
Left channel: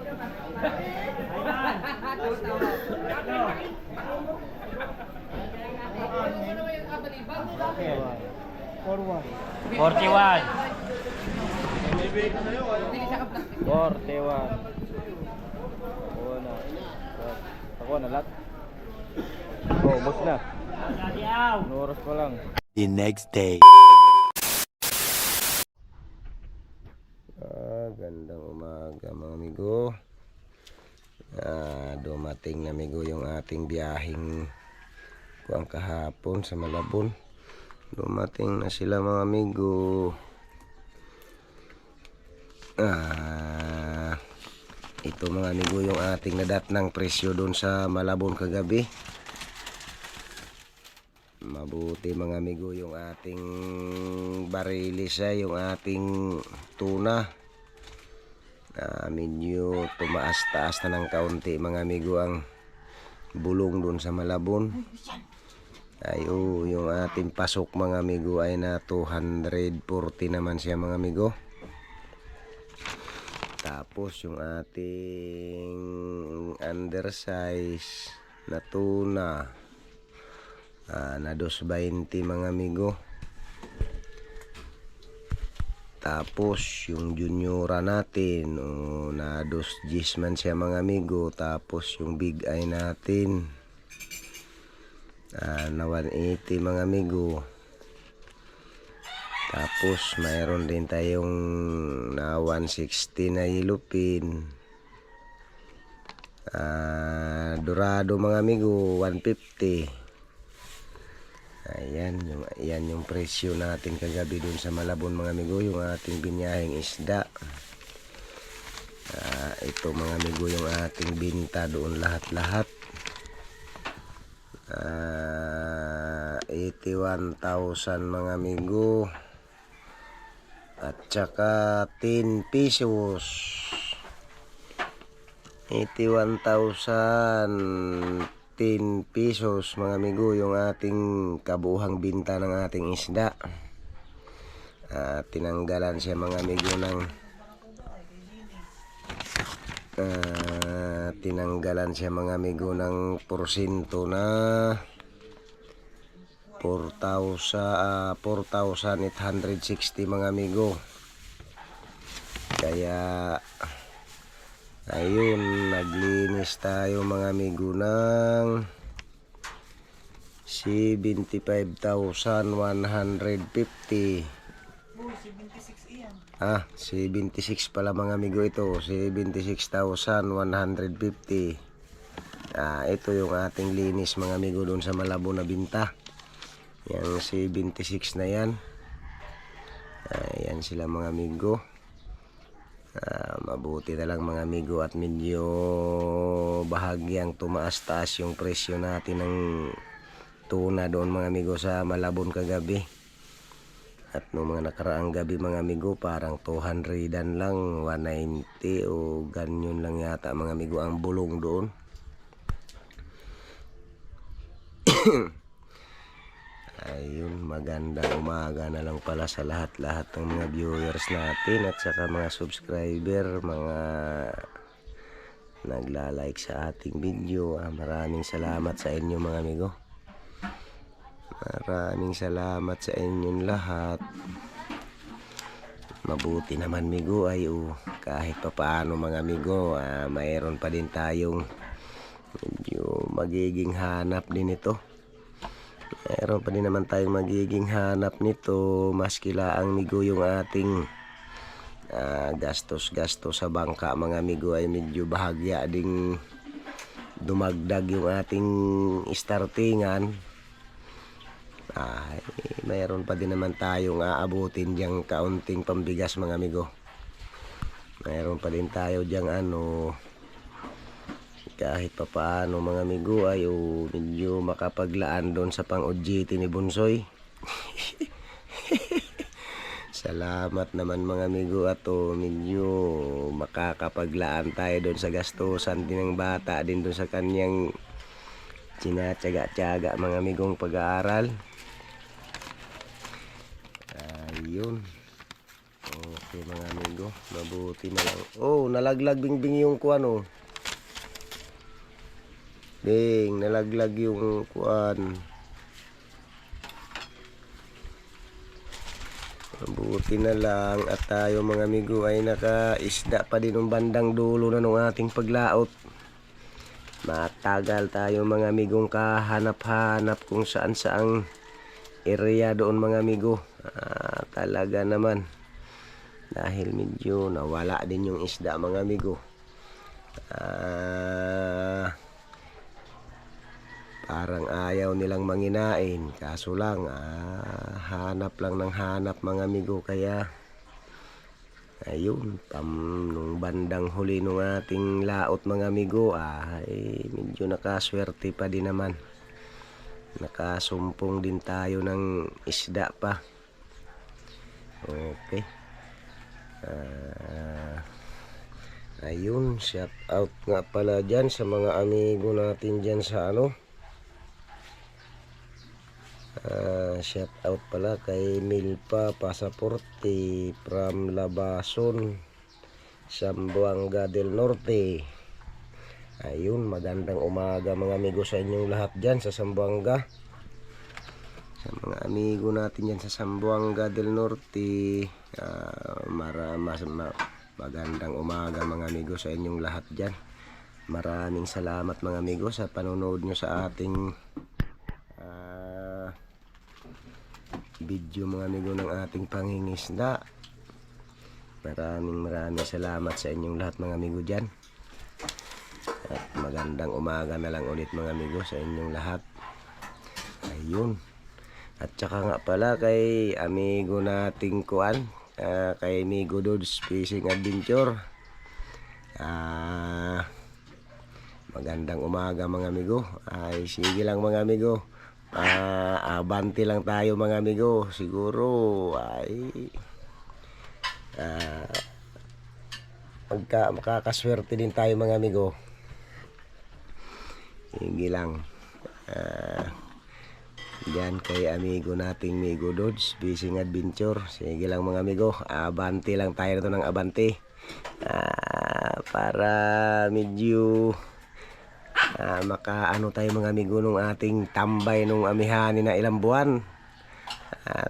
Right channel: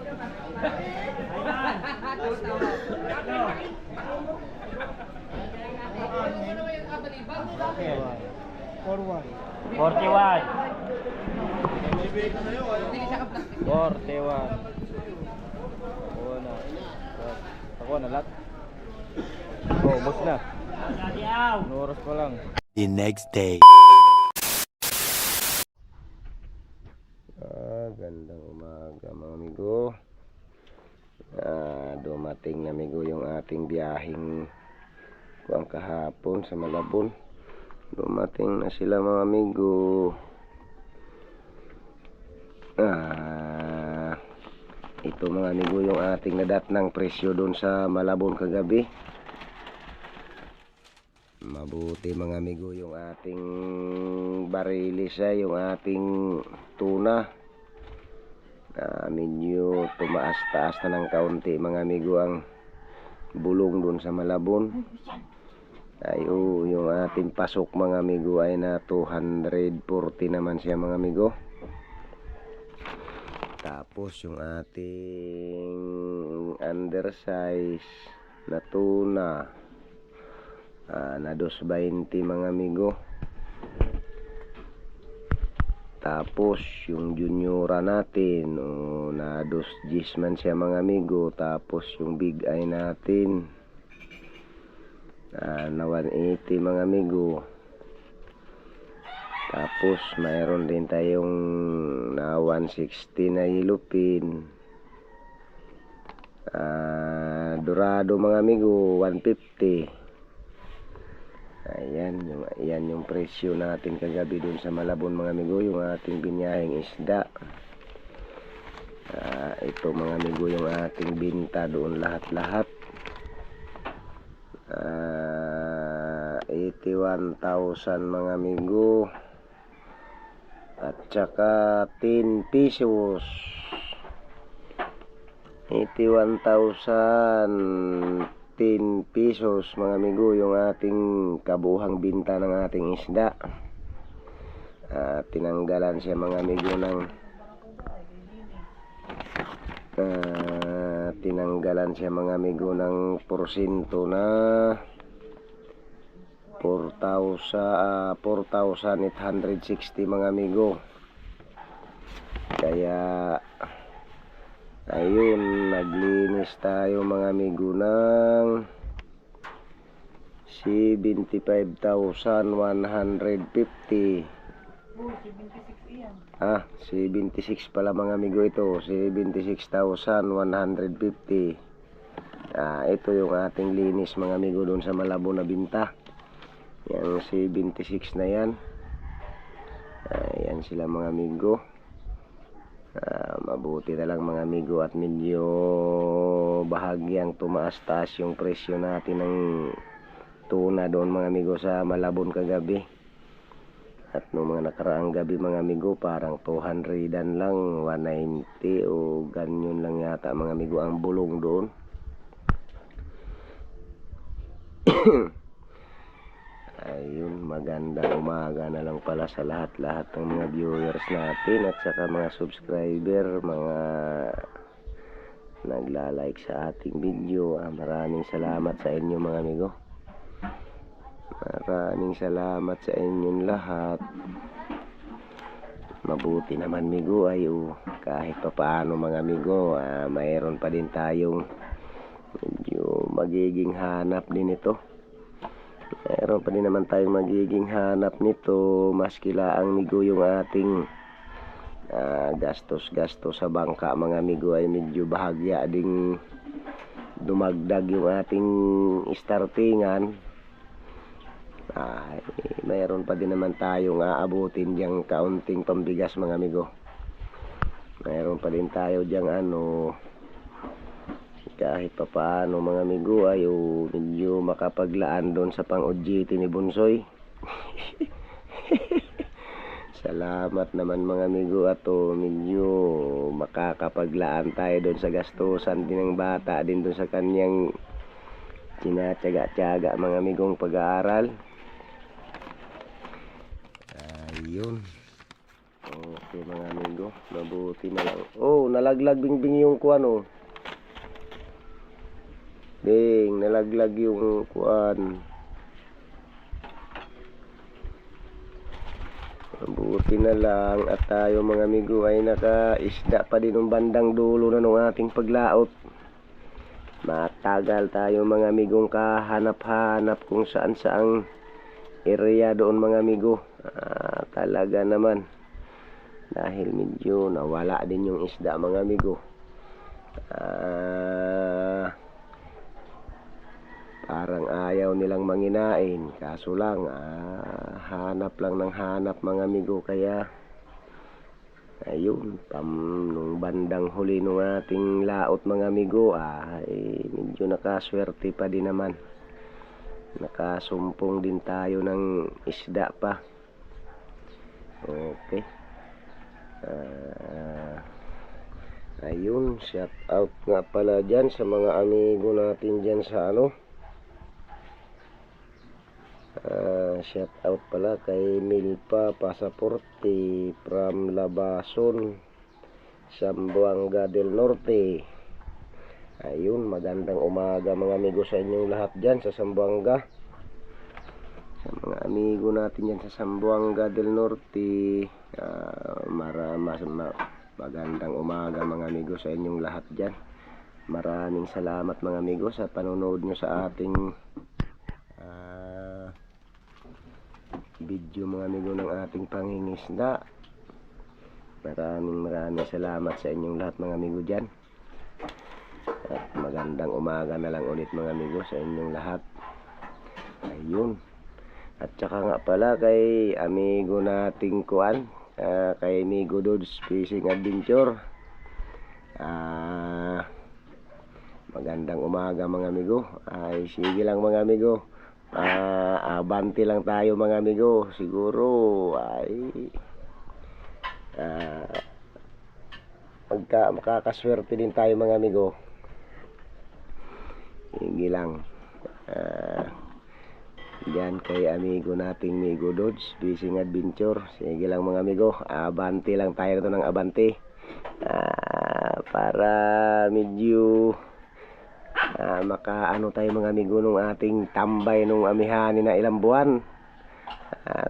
Ayan. Forward. 41. 41. Oo na. Ako na lahat. Oh, ubos na. Gadiaw. Ano oras pa lang? The next day. Gandang umaga mga amigo. Dumating na amigo yung ating biyaheng kuwang kahapon sa Malabon. Dumating na sila mga amigo. Ito mga amigo yung ating nadat ng presyo doon sa Malabon kagabi. Mabuti mga amigo yung ating barilis ay yung ating tuna. Medyo tumaas-taas na ng kaunti mga amigo ang bulong doon sa Malabon. Yung ating pasok mga amigo ay na 240 naman siya mga amigo. Tapos yung ating undersize na tuna na 220 mga amigo. Tapos yung juniora natin na 210 man siya mga amigo. Tapos yung big eye natin na 180 mga amigo. Tapos mayroon din tayong na 160 na yellowfin. Dorado mga amigo 150. Ayan yung presyo natin kagabi dun sa Malabon mga amigo, yung ating binyaheng isda. Ito mga amigo yung ating binta doon lahat-lahat. 81,000 mga amigo. At saka 10 pesos. 81,000 10 pesos mga amigo yung ating kabuhang binta ng ating isda. Tinanggalan siya mga amigo ng porsyento na 4,860 mga amigo. Kaya ayun, naglinis tayo mga amigo ng 75,150. 76 pala mga amigo ito. 76,150. Ito yung ating linis mga amigo doon sa Malabon na binta. Yung 76 na yan. Ayan sila mga amigo. Mabuti na lang mga amigo at medyo bahagyang tumaas-taas yung presyo natin ng tuna doon mga amigo sa Malabon kagabi. At noong mga nakaraang gabi mga amigo parang 200 lang, 190 o ganyan lang yata mga amigo ang bulong doon. Ayun, magandang umaga na lang pala sa lahat-lahat ng mga viewers natin at saka mga subscriber, mga nagla-like sa ating video. Maraming salamat sa inyo mga amigo. Maraming salamat sa inyong lahat. Mabuti naman amigo ay kahit papaano mga amigo, mayroon pa din tayong medyo magiging hanap din ito. Meron pa din naman tayong magiging hanap nito, maski laang amigo yung ating gastos sa bangka mga amigo ay medyo bahagya ding dumagdag yung ating startingan. Mayroon pa din naman tayong aabutin diyang kaunting pambigas mga amigo. Mayroon pa din tayo diyang kahit pa paano mga amigo ay medyo makapaglaan doon sa pang-OJT ni Bunsoy. Salamat naman mga amigo at medyo makakapaglaan tayo doon sa gastusan din ng bata din doon sa kanyang tinatyaga-tyaga mga amigong pag-aaral. Ayun. Okay mga amigo, mabuti na lang. Nalaglag bingbing yung kuwan nalaglag yung kuwan. Mabuti na lang at tayo mga amigo ay nakaisda pa din ng bandang dulo na ng ating paglaot. Matagal tayo mga amigong kahanap-hanap kung saan-saang area doon mga amigo. Talaga naman dahil medyo nawala din yung isda mga amigo. Parang ayaw nilang manginain, kaso lang hanap lang ng hanap mga amigo. Kaya ayun, nung bandang huli nung ating laot mga amigo, ay medyo nakaswerte pa din naman. Nakasumpong din tayo ng isda pa. Okay. Ayun, shout out nga pala dyan sa mga amigo natin dyan sa shout out pala kay Milpa Pasaporte from Labason, Zamboanga del Norte. Ayun, magandang umaga mga amigo sa inyong lahat dyan sa Zamboanga. Sa mga amigo natin dyan sa Zamboanga del Norte, magandang umaga mga amigo sa inyong lahat dyan. Maraming salamat mga amigo sa panonood nyo sa ating video mga amigo ng ating pangingisda. Maraming salamat sa inyong lahat mga amigo dyan. At magandang umaga na lang ulit mga amigo sa inyong lahat. Ayun. At saka nga pala kay amigo nating kuan, kay Amigo Dodds Fishing Adventure. Magandang umaga mga amigo. Ay sige lang mga amigo. Abante lang tayo mga amigo. Siguro ay makakaswerte din tayo mga amigo. Sige lang. Diyan kay amigo nating Amigo Dodds Fishing Adventure. Sige lang mga amigo. Abante lang tayo nito ng abante. Para medyo makaano tayo mga amigo nung ating tambay nung amihani na ilang buwan.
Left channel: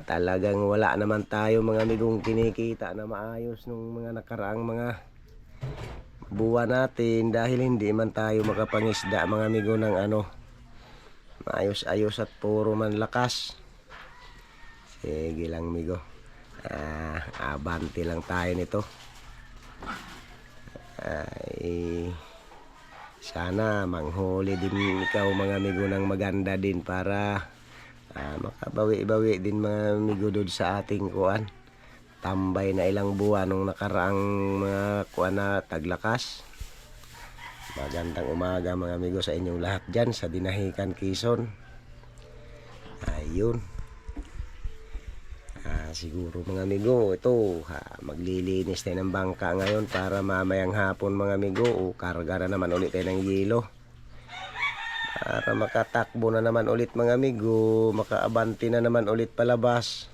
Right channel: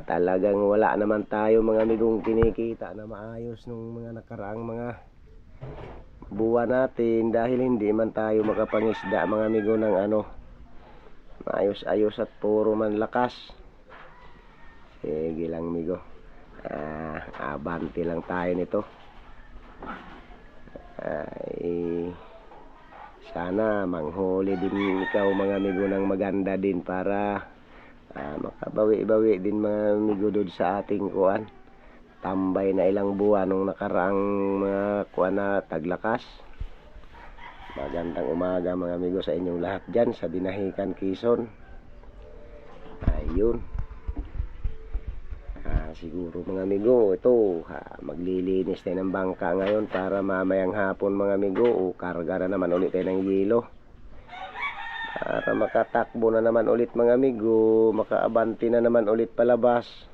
Talagang wala naman tayo mga amigong kinikita na maayos nung mga nakaraang mga buwan natin, dahil hindi man tayo makapangisda mga amigo ng maayos-ayos at puro man lakas. Sige lang amigo. Abante lang tayo nito. Sana manghuli din ikaw mga amigo ng maganda din para makabawi-bawi din mga amigo doon sa ating kuan tambay na ilang buwan nung nakaraang mga kuan na taglakas. Magandang umaga mga amigo sa inyong lahat dyan sa Dinahican, Quezon. Ayun. Siguro mga amigo, ito maglilinis tayo ng bangka ngayon para mamayang hapon mga amigo, karga na naman ulit tayo ng yelo para makatakbo na naman ulit mga amigo, makaabante na naman ulit palabas.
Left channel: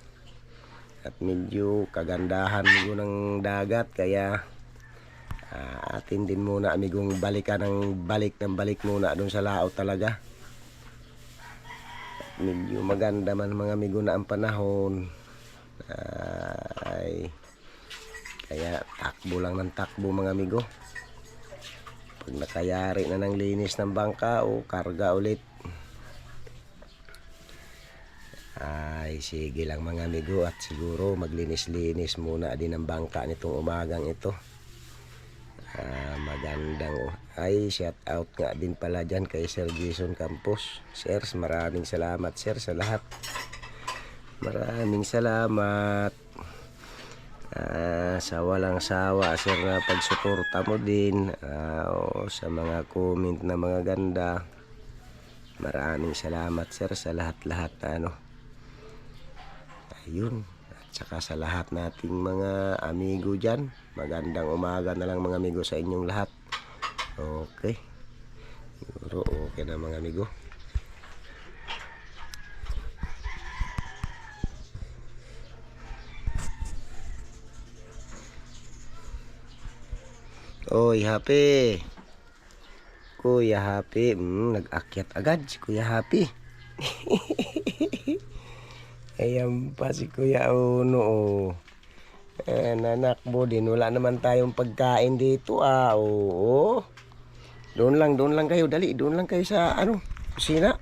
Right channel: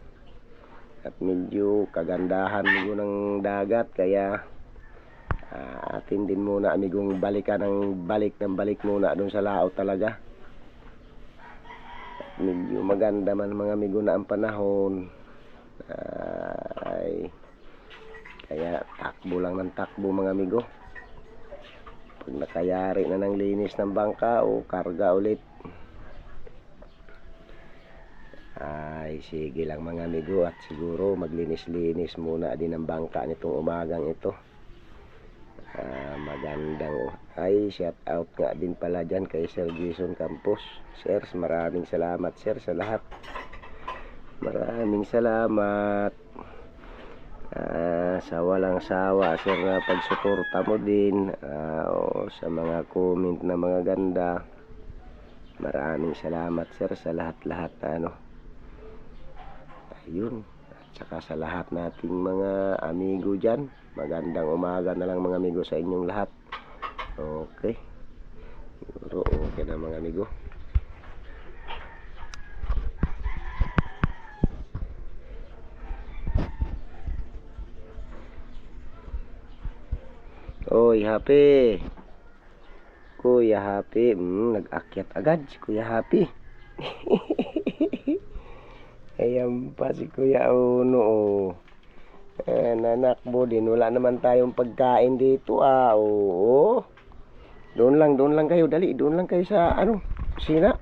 At medyo kagandahan amigo ng dagat, kaya atin din muna amigong balikan ng balik muna doon sa laot talaga. At medyo maganda man mga amigo na ang panahon. Kaya takbo lang ng takbo mga amigo. Pag nakayari na ng linis ng bangka o karga ulit, ay sige lang mga amigo. At siguro maglinis-linis muna din ang bangka nitong umagang ito. Magandang shout out nga din pala dyan kay Sir Jason Campos. Sir, maraming salamat sir sa lahat. Maraming salamat sa walang sawa sir na pagsuporta mo din, sa mga comment na mga ganda. Maraming salamat sir sa lahat-lahat na ayun. At saka sa lahat nating mga amigo dyan, magandang umaga na lang mga amigo sa inyong lahat. Okay, siguro okay na mga amigo. Oy, Happy. Kuya Happy. Nag-akyat agad si Kuya Happy. Ayan pa si Kuya Uno. Nanakbo din. Wala naman tayong pagkain dito. Oo. Doon lang kayo. Dali, doon lang kayo sa kusina.